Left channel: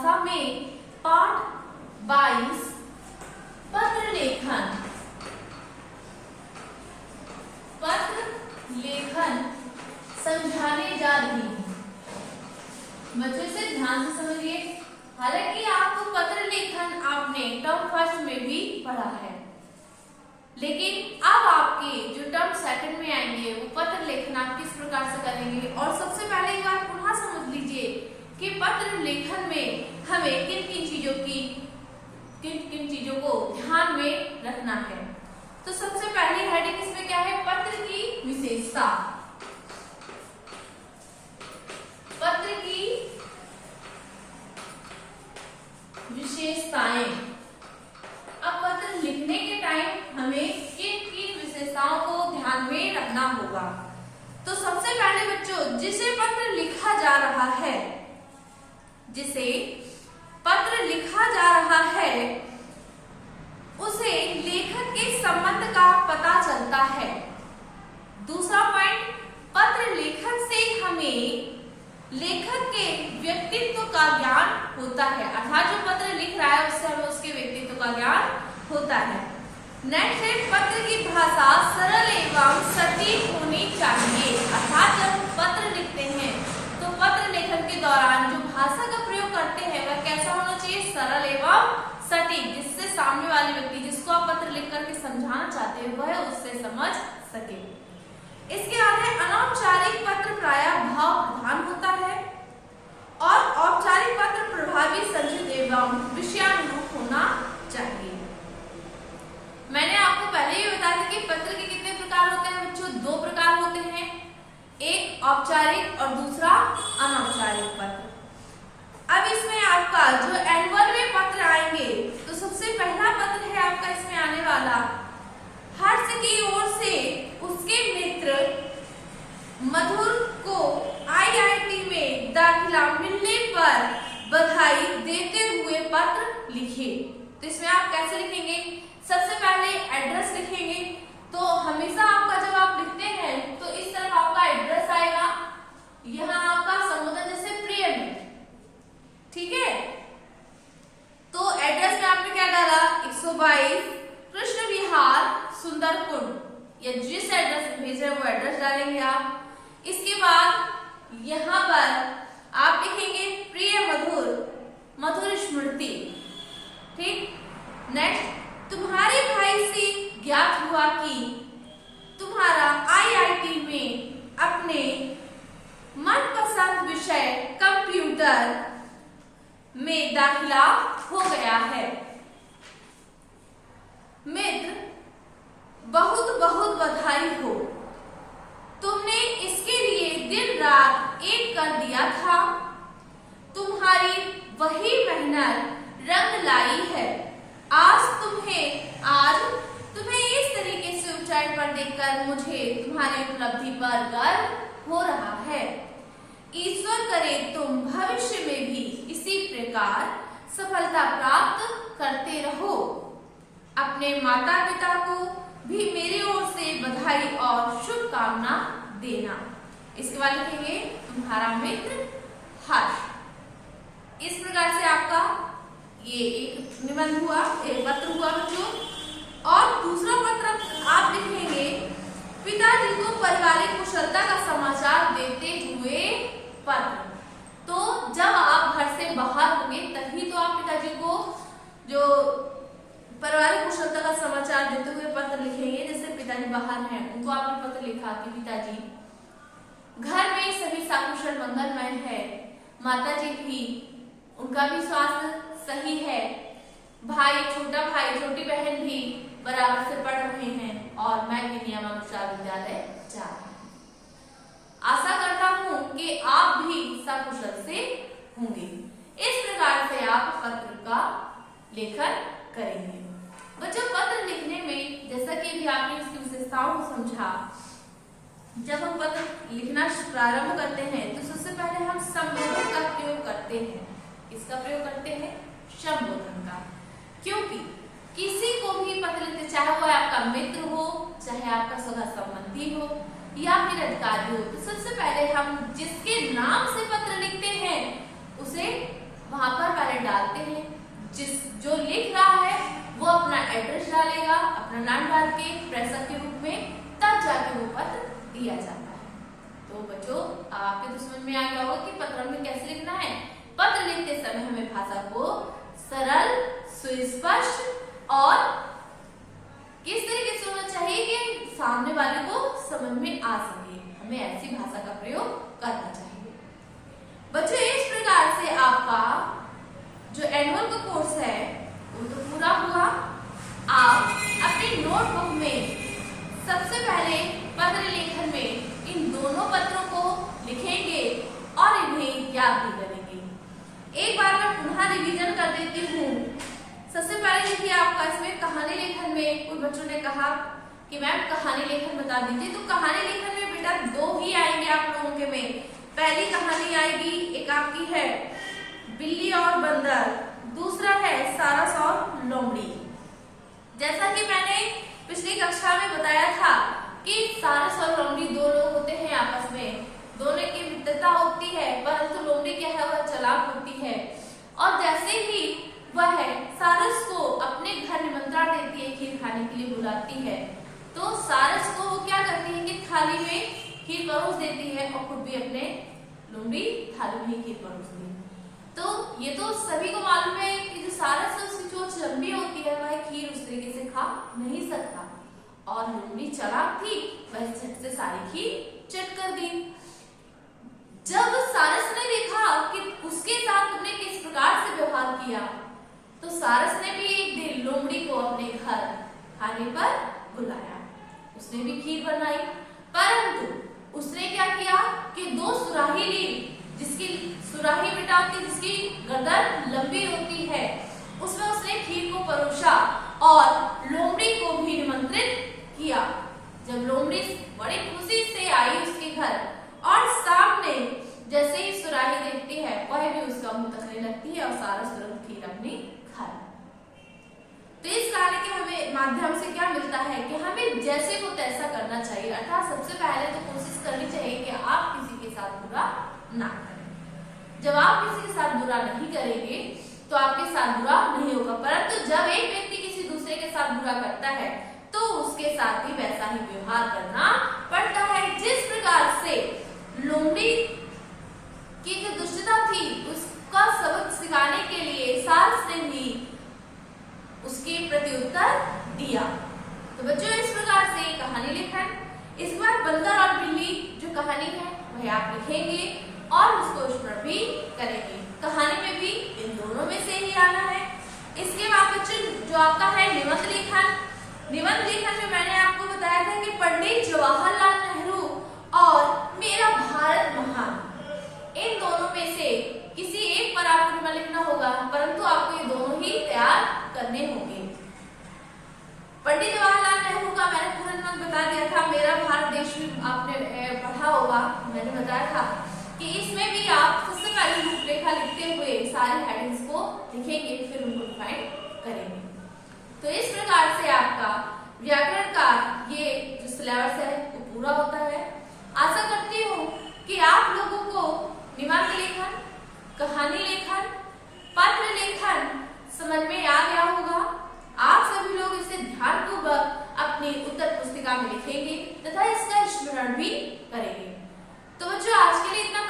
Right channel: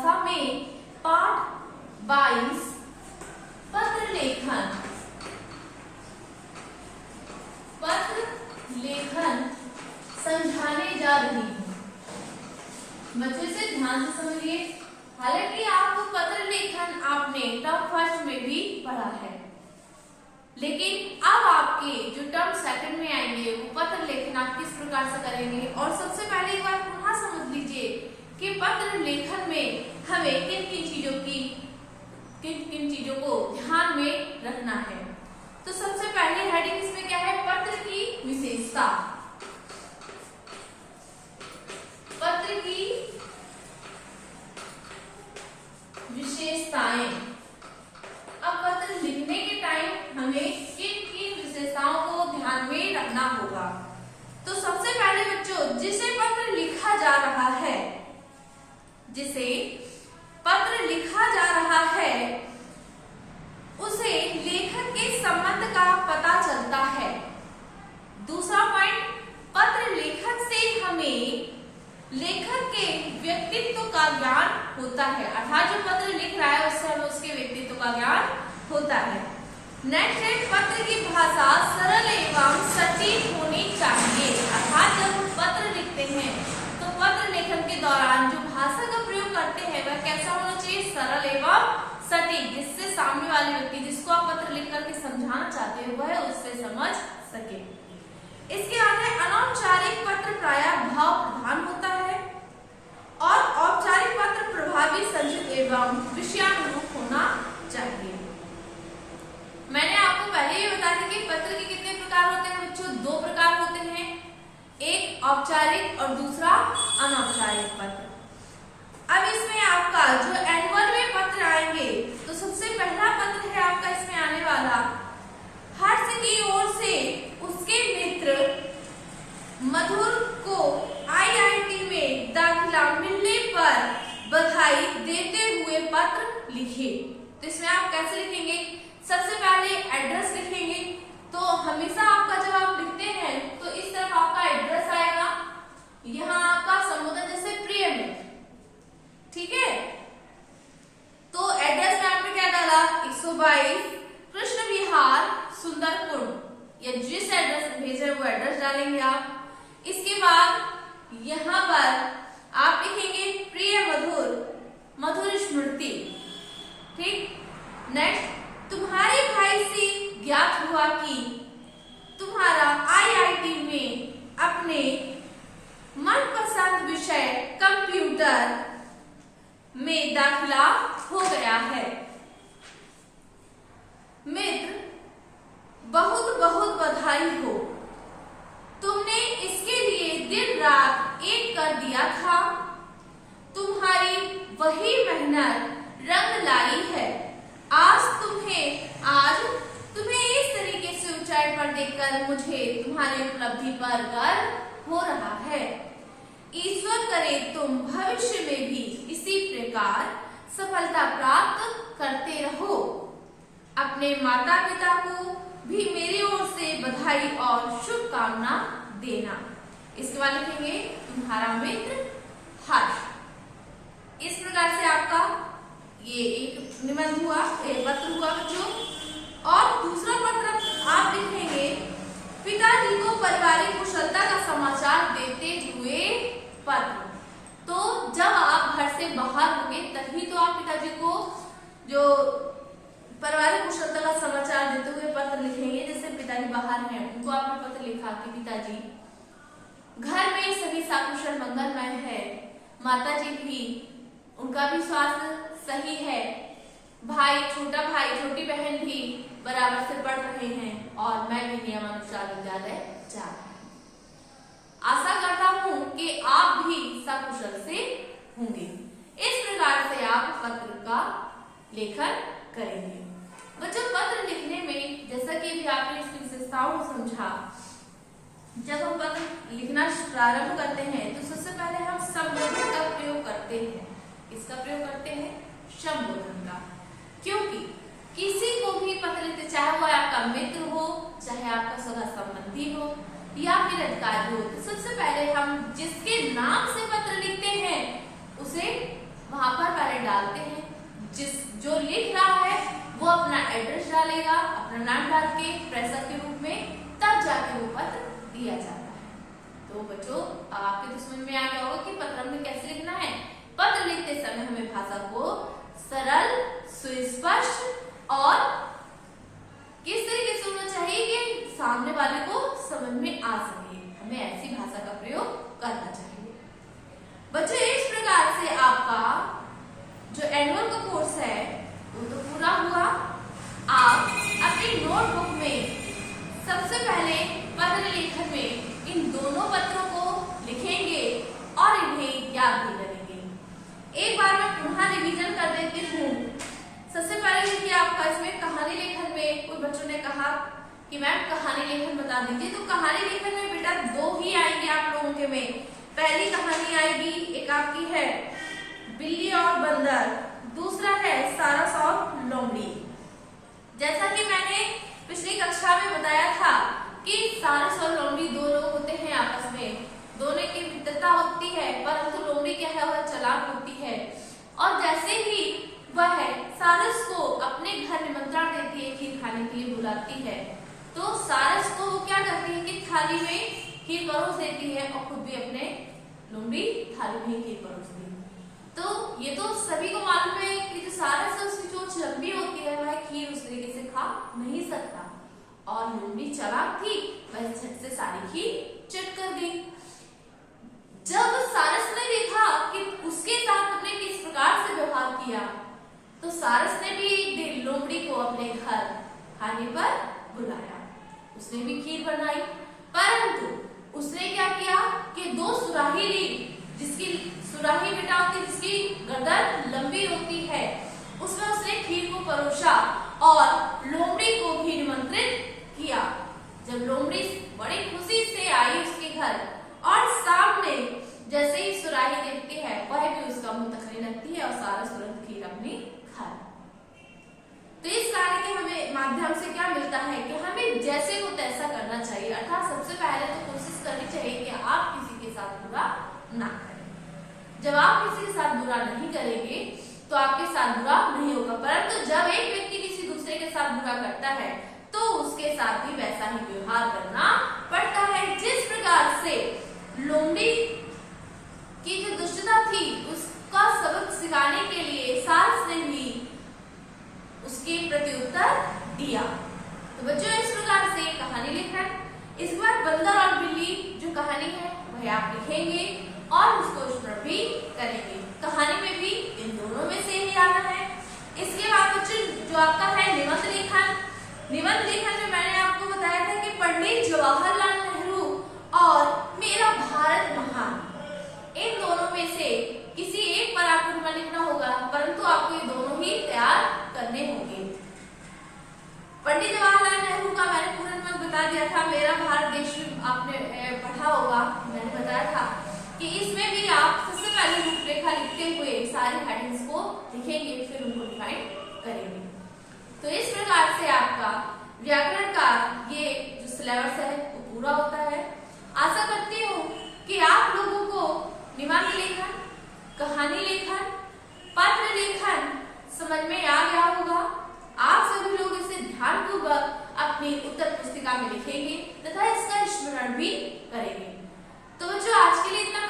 भाषा में पाठ 22 पत्र लेखन समझाने जा रही हूँ। बच्चों से ध्यान से समझिए। हालांकि आपको पत्र लेखन आपने टर्म फर्स्ट में भी पढ़ा है, लेकिन अब आपके जो टर्म सेकंड में आएंगे वो पत्र लेखन आप किस प्रकार से करेंगे। और सबसे पहले एक बार पुनः समझ लीजिए कि पत्र लेखन में हमें किन किन चीजों को ध्यान में रखना है। तो सबसे पहले हेडिंग इसमें क्या है, पत्र की विशेषता। पत्र की विशेषताएं। अब पत्र लिखने के टाइम हमें किन विशेषताओं को ध्यान में रखना होगा। तो सबसे पहले बच्चों, जिसे पत्र लिखा जा रहा है, उसे लेखक के संबंध का पता चलता है। दूसरा पॉइंट, पत्र लेखन से हमें लेखक के व्यक्तित्व का ज्ञान होता है, अर्थात जो पत्र लिख रहा है उससे हमें उसके व्यक्तित्व का ज्ञान होता है। नेक्स्ट है, पत्र की भाषा सरल एवं सटीक होनी चाहिए, अर्थात जब हम पत्र लिखते हैं तो पत्र लेखन के दौरान जो भाषा का प्रयोग करते हैं वह कैसा होना चाहिए, सरल एवं सटीक, जिससे सामने वाले व्यक्ति जिसको आप पत्र लिख करके समझाना चाहते हैं वह उससे समझ सके। इसके आगे अनौपचारिक पत्र प्रायः भाव प्रधान होता है और औपचारिक पत्र प्रभावी, संक्षिप्त एवं विषयानुरूप होना चाहिए। मैंने आपको पहले ही बता दिया कि पत्र के कितने प्रकार होते हैं बच्चों, 2 प्रकार होते हैं, एक औपचारिक और दूसरा अनौपचारिक पत्र। अब इसमें आपका जो एनुअल में पत्र आएंगे तो सबसे पहला पत्र है आपका इसमें आने वाला, हर्ष की ओर से उसके मित्र मधुर को IIT में दाखिला मिलने पर बधाई देते हुए पत्र लिखे। तो इसमें आप कैसे लिखेंगे, सबसे पहले एड्रेस लिखेंगे। तो हमेशा आपका जब आप लिखते हैं तो इस तरफ आपका एड्रेस आएगा, यहाँ आपका संबोधन जैसे प्रिय मित्र, ठीक है। तो एड्रेस में आपने क्या डाला, 122 कृष्ण विहार सुंदरकुंड, या जिस एड्रेस भेज रहे हैं वो एड्रेस डालेंगे आप। इसके बाद यहाँ पर आप लिखेंगे प्रिय मधुर स्मृति, ठीक। नेक्स्ट, तुम्हारे भाई से ज्ञात हुआ कि तुम्हारा IIT में अपने मनपसंद विषय कंप्यूटर में दाखिला हो गया है। मित्र, बहुत बहुत बधाई हो, तुमने इसके लिए दिन रात एक कर दिया था। तुम्हारी वही मेहनत रंग लाई है। आज तुम्हें इस तरीके से ऊंचाई पर देखकर मुझे तुम्हारी उपलब्धि पर गर्व हो रहा है। ईश्वर करे तुम भविष्य में भी इसी प्रकार सफलता प्राप्त करते रहो। अपने माता पिता को भी मेरी ओर से बधाई और शुभकामना देना। इसके बाद लिखेंगे तुम्हारा मित्र हर्ष। इस प्रकार से आपका ये एक निबंध हुआ, एक पत्र हुआ बच्चों। और दूसरा पत्र आप लिखेंगे पिताजी को पारिवारिक कुशलता का समाचार देते हुए पत्र। तो जब आप घर से बाहर होंगे तभी तो आप पिताजी को जो पारिवारिक कुशलता का समाचार देते हुए पत्र लिखेंगे। जैसे पिताजी बाहर हैं, उनको आपने पत्र लिखा कि पिताजी घर में सभी सकुशल मंगलमय है, माताजी भी, उनका भी स्वास्थ्य सही है, छोटा भाई छोटी बहन भी बराबर से पढ़ रहे हैं और मैं भी नियमानुसार विद्यालय जा रहा हूँ। आशा करता हूँ कि आप भी सकुशल से होंगे। इस प्रकार से आप पत्र का लेखन करेंगे। बच्चों, पत्र लिखने में जैसा कि भी आपने इसकी विशेषताओं को समझा, जब हम पत्र लिखना प्रारंभ करते हैं तो सबसे पहले हम संबोधन का प्रयोग करते हैं। इसका प्रयोग करते हैं संबोधन का, क्योंकि किसी को भी पत्र लिखते, चाहे वो आपका मित्र हो, चाहे आपका सगा संबंधी हो या फिर अधिकारी हो, तो सबसे पहले हम जिसके नाम से पत्र लिखते हैं उसे वहां पर पहले डालते हैं। जो लिख रहा है वो अपना एड्रेस डालेगा, अपना नाम डाल के प्रेषक के रूप में, तब जाके वो पत्र दिया जाता है। तो बच्चों आपके तो समझ में आ गया होगा कि पत्र में कैसे लिखना है। पत्र लिखते समय हमें भाषा को सरल, सुस्पष्ट और किस तरीके से होना चाहिए कि सामने वाले को समझ में आ सके, हमें ऐसी भाषा का प्रयोग करना चाहिए। बच्चों इस प्रकार से आपका जो एनुअल का कोर्स है वो तो पूरा हुआ। आप अपनी नोटबुक में सबसे पहले पत्र लेखन में इन दोनों पत्रों को लिखेंगे और इन्हें याद भी करेंगे। एक बार मैं पुनः रिवीजन कर देती हूँ। सबसे पहले देखिए आपका इसमें कहानी लेखन में कुछ बच्चों ने कहा कि मैम कहानी लेखन बता दीजिए। तो कहानी लेखन में बेटा दो ही आएंगे आप लोगों के में। पहली कहानी आएगी, एक आपकी है बिल्ली और बंदर, दूसरा है सारस और लोमड़ी। जैसा कि मैंने पिछली कक्षा में बताया था कि सारस और लोमड़ी दो लोग होते हैं आपस में, दोनों की मित्रता होती है, परंतु लोमड़ी क्या है वह चालाक होती है। और जैसे ही वह सारस को अपने घर निमंत्रण देती है, खीर खाने के लिए बुलाती है, तो सारस को वो क्या करती है कि थाली में खीर परोस देती है और खुद भी अपने लोमड़ी थाली में ही खीर परोसती है। तो ये तो सभी को मालूम है कि जो सारस है उसकी चोंच लंबी होती है, वह खीर उस तरीके से खा नहीं सकता, और लोमड़ी चालाक थी, वह झट से सारी खीर चट कर दी। जब सारस ने देखा कि उसके साथ तुमने किस प्रकार से व्यवहार किया, तो सारस ने भी एक दिन लोमड़ी को अपने घर खाने पर बुलाया। उसने भी खीर बनाई, परंतु उसने क्या किया कि दो सुराही ली, जिसकी सुराही बेटा होती है जिसकी गर्दन लंबी होती है, उसमें उसने खीर को परोसा और लोमड़ी को भी निमंत्रित किया। जब लोमड़ी बड़ी खुशी से आई उसके घर और सामने जैसे ही सुराही देखती है, वह भी उसका मुंह तकने लगती है और सारा तुरंत खीर अपनी खा। तो इस कहानी के हमें माध्यम से क्या मिलता है कि हमें जैसे को तैसा करना चाहिए, अर्थात सबसे पहले तो कोशिश करनी चाहिए कि आप किसी के साथ बुरा ना करें। जब आप किसी के साथ बुरा नहीं करेंगे तो आपके साथ बुरा नहीं होगा, परंतु जब एक व्यक्ति किसी दूसरे के साथ बुरा करता है तो उसके साथ भी वैसा ही व्यवहार करना पड़ता है। जिस प्रकार से लोमड़ी की जो दुष्टता थी उसका सबक सिखाने के लिए सारस ने भी उसके प्रत्युत्तर दिया। तो बच्चों इस प्रकार से कहानी लिखन, इस बार बंदर और बिल्ली जो कहानी है वह आप लिखेंगे और उसको स्मरण भी करेंगे। कहानी में भी इन दोनों में से ही आना है। इसके बाद बच्चों जो आपका है निबंध लेखन, निबंध लेखन में मैंने आपको बताया था कि पंडित जवाहरलाल नेहरू और मेरा भारत महान, इन दोनों में से किसी एक पर आपको निबंध लिखना होगा, परंतु आपको ये दोनों ही तैयार करने होंगे। पंडित जवाहरलाल नेहरू का मैंने पूरा निबंध बता दिया था, मेरा भारत देश आपने पढ़ा होगा, मैंने बताया था कि इसमें भी आप सबसे पहले रूपरेखा लिखते हुए सारे हेडिंग्स को लिखेंगे, फिर उनको डिफाइन करेंगे। तो इस प्रकार से आपका व्याकरण का ये जो सिलेबस है वो पूरा होता है। आशा करती हूँ कि आप लोगों को निबंध लेखन, कहानी लेखन, पत्र लेखन समझ में आ गया होगा। आप सभी लोग इसे ध्यानपूर्वक अपनी उत्तर पुस्तिका में लिखेंगे तथा इसका स्मरण भी करेंगे। तो बच्चों आज के लिए इतना